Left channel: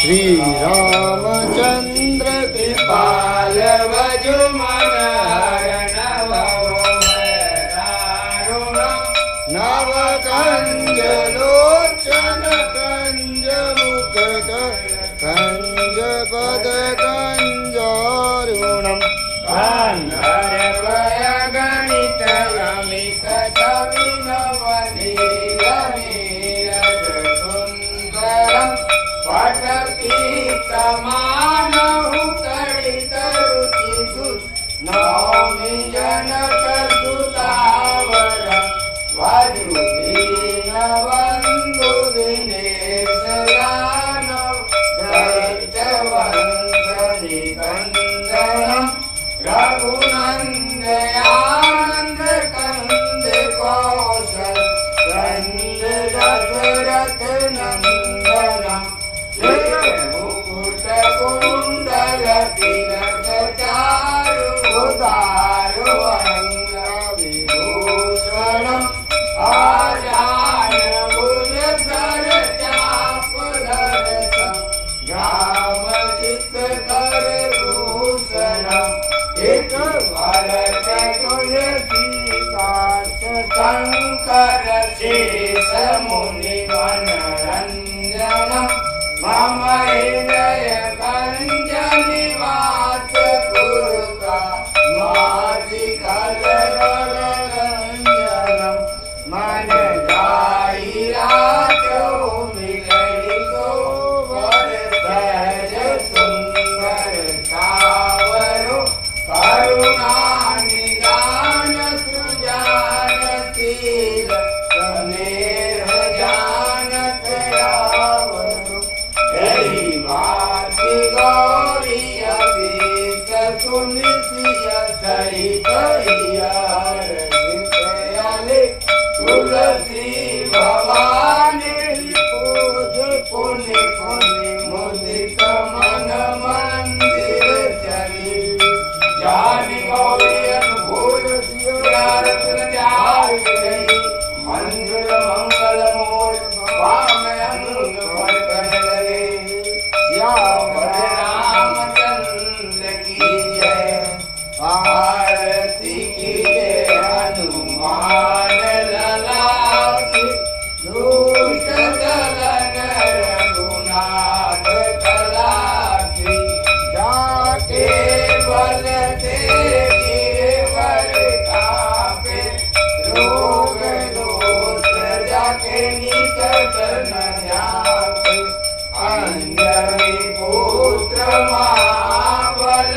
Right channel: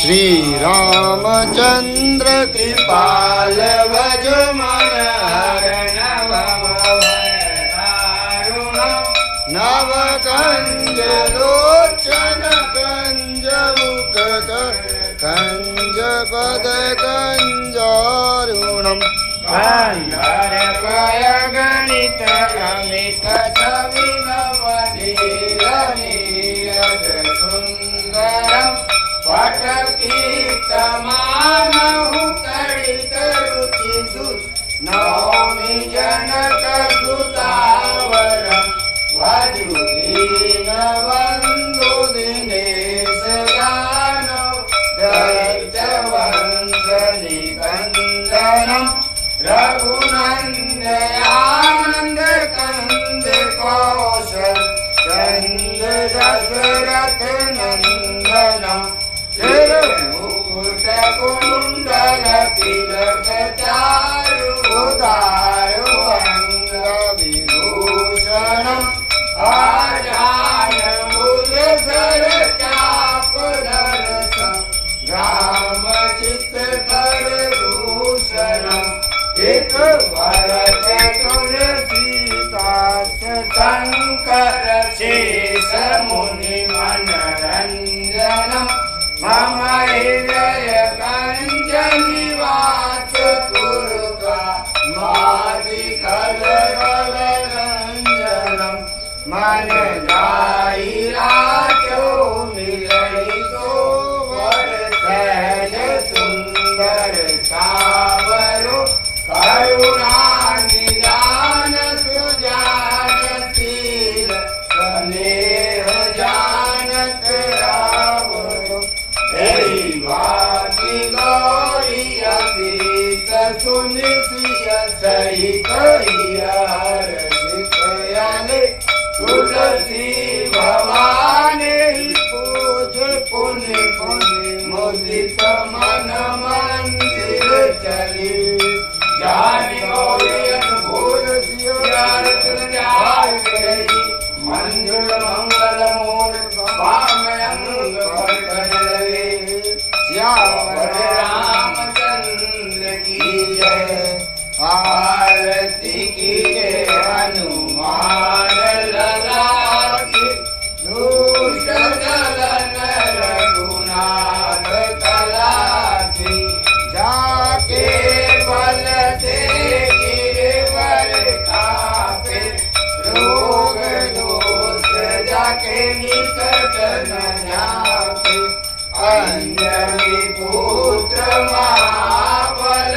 श्री रामचंद्र कृपाल भज मन हरण नव कंज लोचन कंज मुकुट कंज पद कंजारुणम कंधर कय गणित अमित छवि नवनील नीरज सुंदरम पटकीतमानहु तडित रुचि सुत नौमि जनक सुतावर वधुदीन बंधु दिनेश यादव दैत्य वंश निकंदनम रघुनंदयानंद कंद कौशल कंद दशरथ नंदनम मुकुट कुंडल तिलक चारु दारु अंग विभूषणम आजान भुज सर चाप दर्शन ग्राम चित्तकर भूषणम एक भरत तुलसीदास शंकर शेष मुनि मनरंजनम मम हृदय कंज निवास पुरका माधि कल रंजनम मन गाई राजो मिलई को वर सहज सुंदर सावरो करुणा निदान सुजान शील स्नेह जानत रावरो भाति गौरी अतीत सुनिसिय सहित हरसितयाले तुलसी भवानी पूज पुनि पुनि मुदित मन मंदिर चली जानी गौरी भूल सियार तुलजार गई मंजुल मंगल मूल वाम अंग भटकन लगे श्याम रामचंद्र की जय आरती की जय हनुमान लला की दूष दलन रघुनाथ कला की जाके बल से गिरवर कापे रोग दोष जाके निकट न जाके अंजनी पुत्र महाबल